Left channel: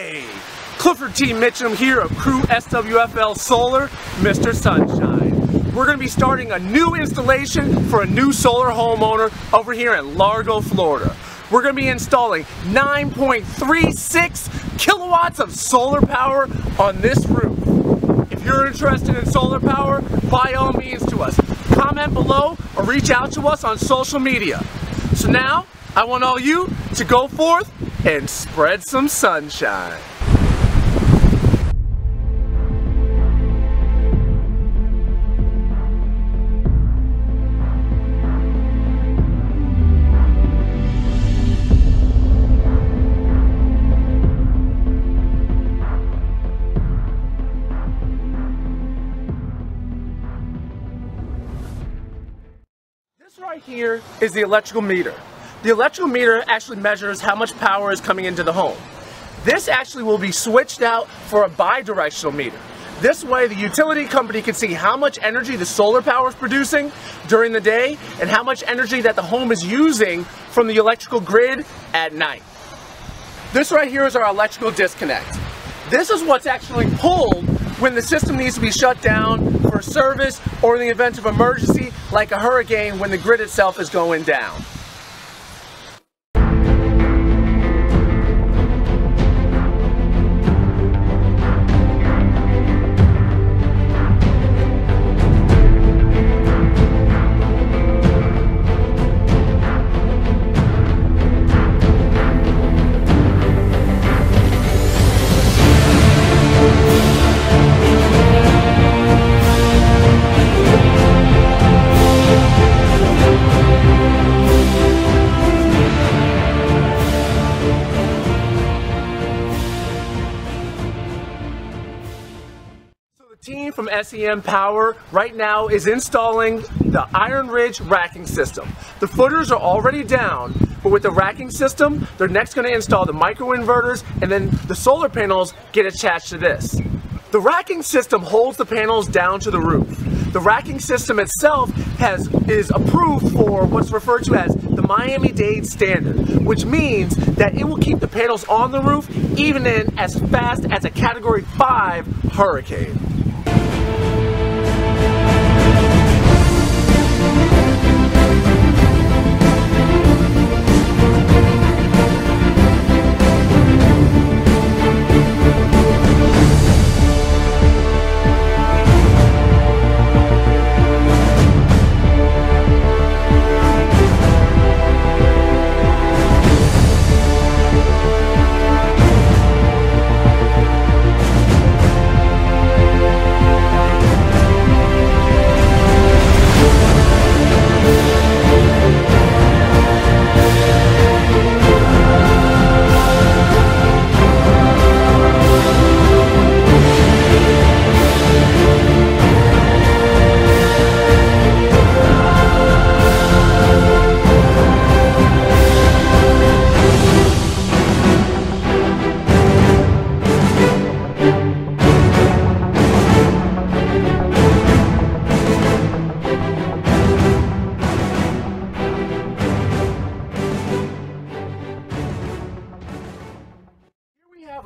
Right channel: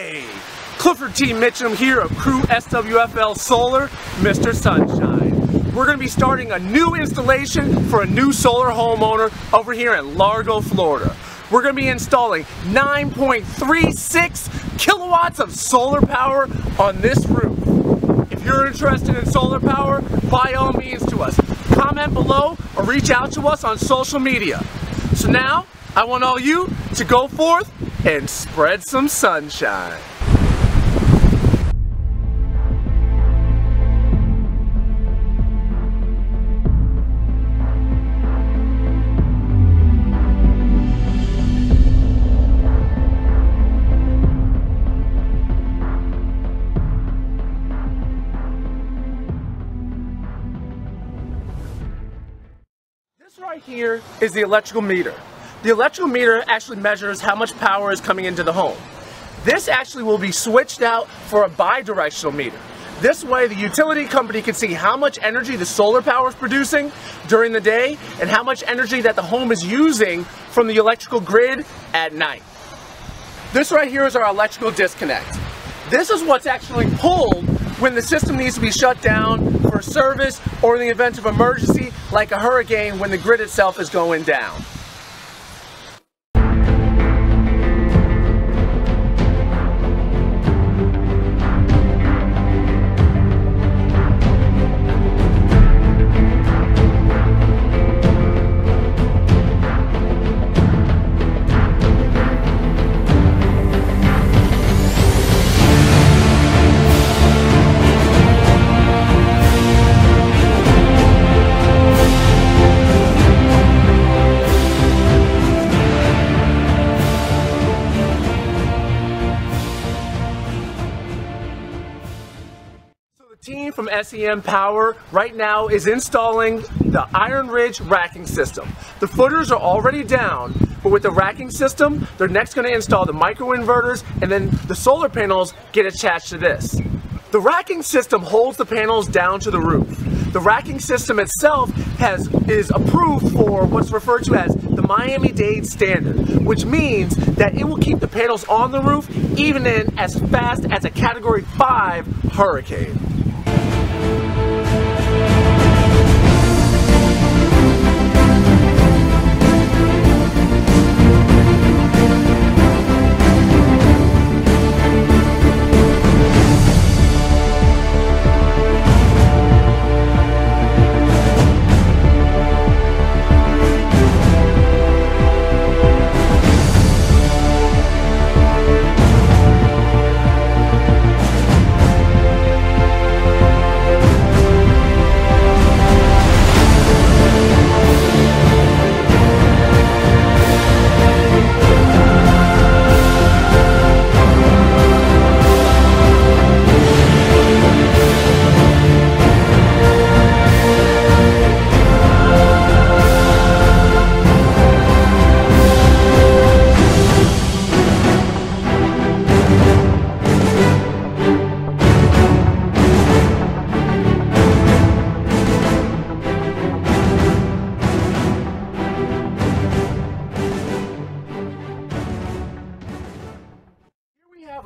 Hey, Clifford Mitchem here of CrewSWFLsolar, Mr. Sunshine. We're going to be starting a new installation for a new solar homeowner over here in Largo, Florida. We're going to be installing 9.36 kilowatts of solar power on this roof. If you're interested in solar power, by all means to us. Comment below or reach out to us on social media. So now, I want all you to go forth and spread some sunshine. This right here is the electrical meter. The electrical meter actually measures how much power is coming into the home. This actually will be switched out for a bi-directional meter. This way the utility company can see how much energy the solar power is producing during the day and how much energy that the home is using from the electrical grid at night. This right here is our electrical disconnect. This is what's actually pulled when the system needs to be shut down for service or in the event of emergency like a hurricane when the grid itself is going down. The team from SEM Power right now is installing the Iron Ridge racking system. The footers are already down, but with the racking system, they're next going to install the microinverters, and then the solar panels get attached to this. The racking system holds the panels down to the roof. The racking system itself is approved for what's referred to as the Miami-Dade standard, which means that it will keep the panels on the roof even in as fast as a Category 5 hurricane.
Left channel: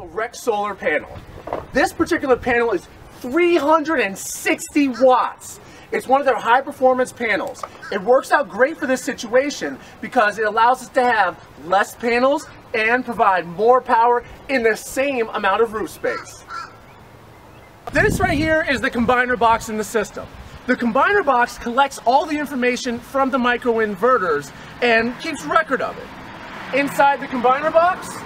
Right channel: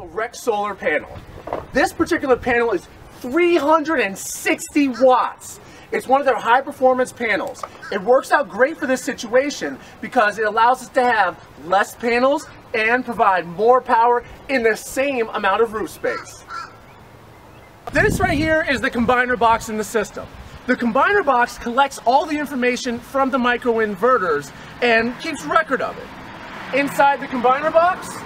A REC solar panel. This particular panel is 360 watts. It's one of their high performance panels. It works out great for this situation because it allows us to have less panels and provide more power in the same amount of roof space. This right here is the combiner box in the system. The combiner box collects all the information from the microinverters and keeps record of it. Inside the combiner box,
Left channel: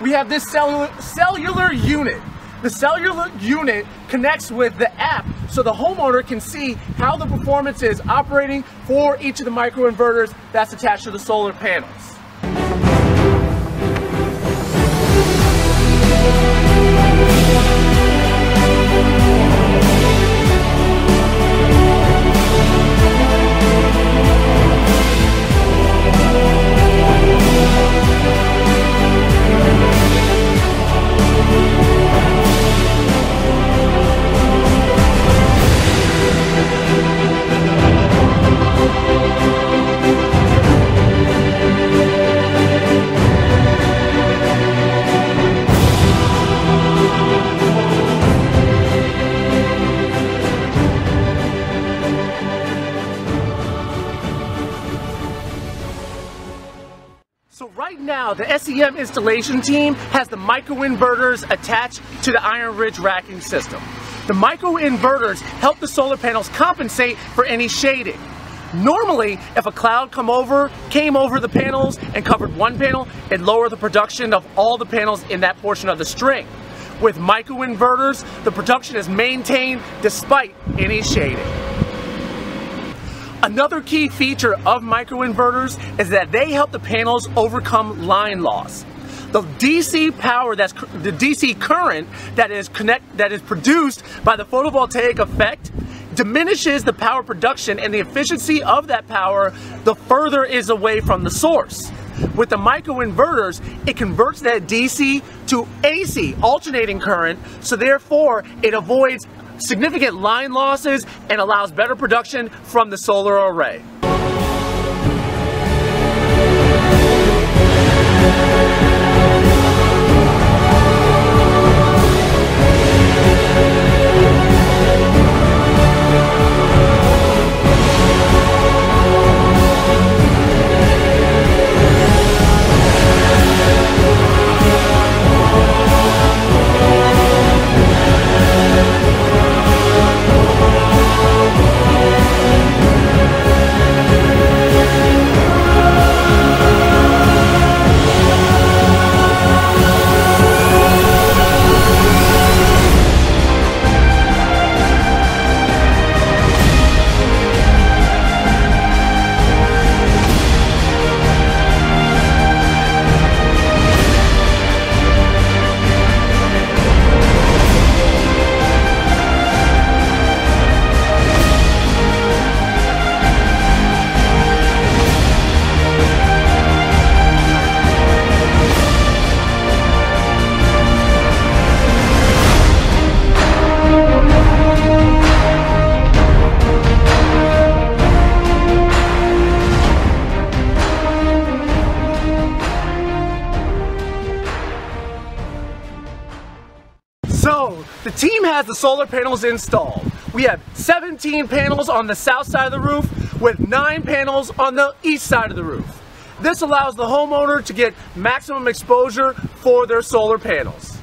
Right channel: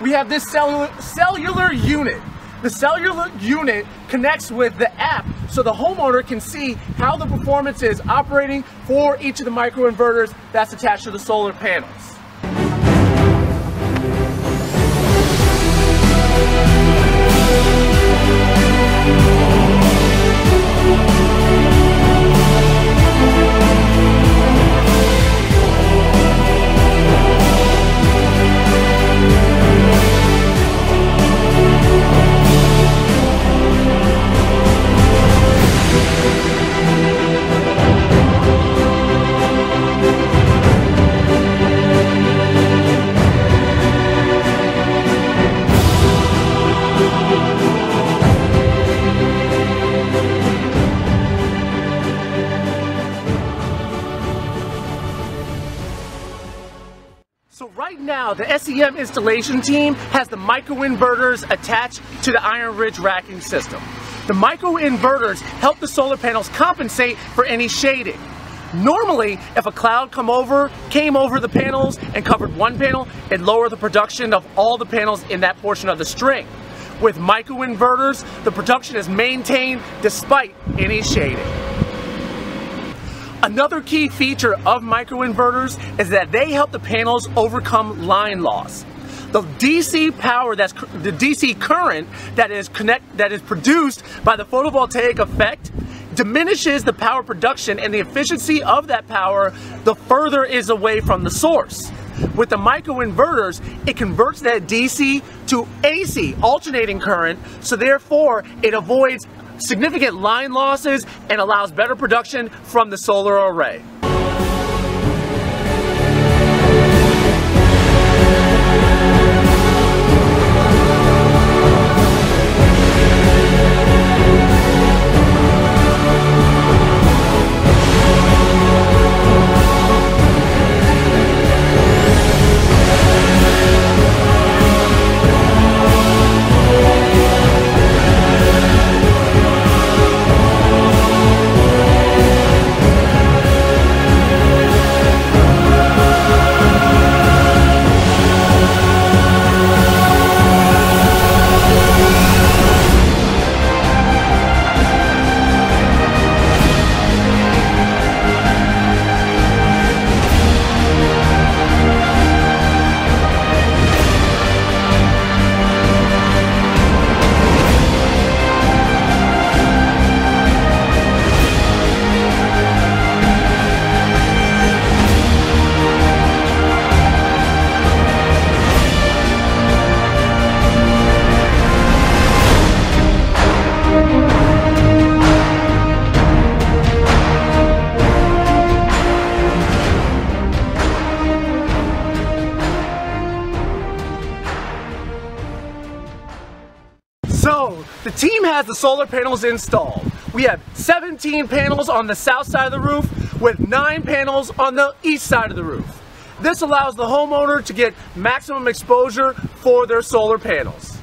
we have this cellular unit. The cellular unit connects with the app so the homeowner can see how the performance is operating for each of the microinverters that's attached to the solar panels. Now, the SEM installation team has the microinverters attached to the iron ridge racking system. The microinverters help the solar panels compensate for any shading. Normally, if a cloud came over the panels and covered one panel, it'd lower the production of all the panels in that portion of the string. With microinverters, the production is maintained despite any shading. Another key feature of microinverters is that they help the panels overcome line loss. The DC power, the DC current that is produced by the photovoltaic effect diminishes the power production, and the efficiency of that power the further is away from the source. With the microinverters, it converts that DC to AC, alternating current, so therefore it avoids significant line losses and allows better production from the solar array. So, the team has the solar panels installed. We have 17 panels on the south side of the roof with 9 panels on the east side of the roof. This allows the homeowner to get maximum exposure for their solar panels.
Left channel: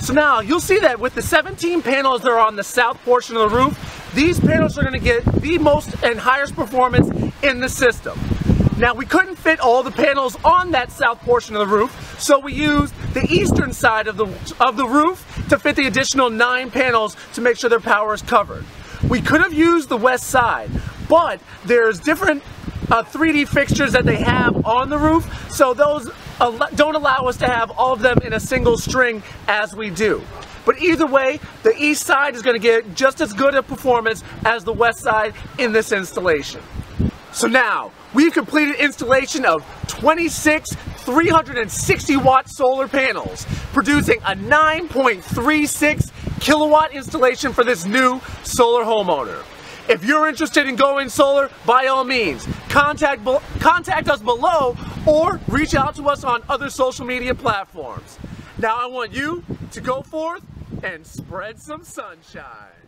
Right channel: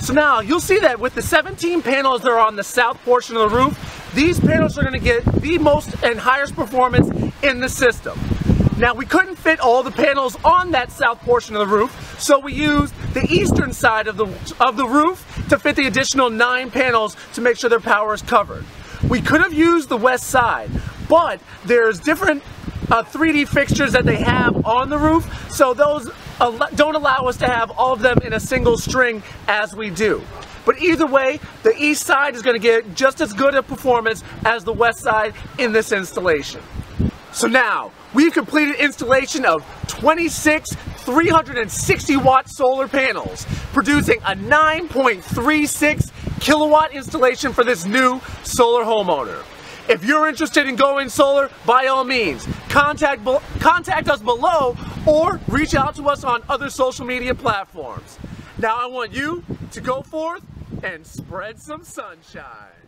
So now, you'll see that with the 17 panels that are on the south portion of the roof, these panels are going to get the most and highest performance in the system. Now, we couldn't fit all the panels on that south portion of the roof, so we used the eastern side of the roof to fit the additional 9 panels to make sure their power is covered. We could have used the west side, but there's different 3D fixtures that they have on the roof, so those don't allow us to have all of them in a single string as we do. But either way, the east side is going to get just as good a performance as the west side in this installation. So now, we've completed installation of 26 360 watt solar panels, producing a 9.36 kilowatt installation for this new solar homeowner. If you're interested in going solar, by all means, contact us below or reach out to us on other social media platforms. Now I want you to go forth and spread some sunshine.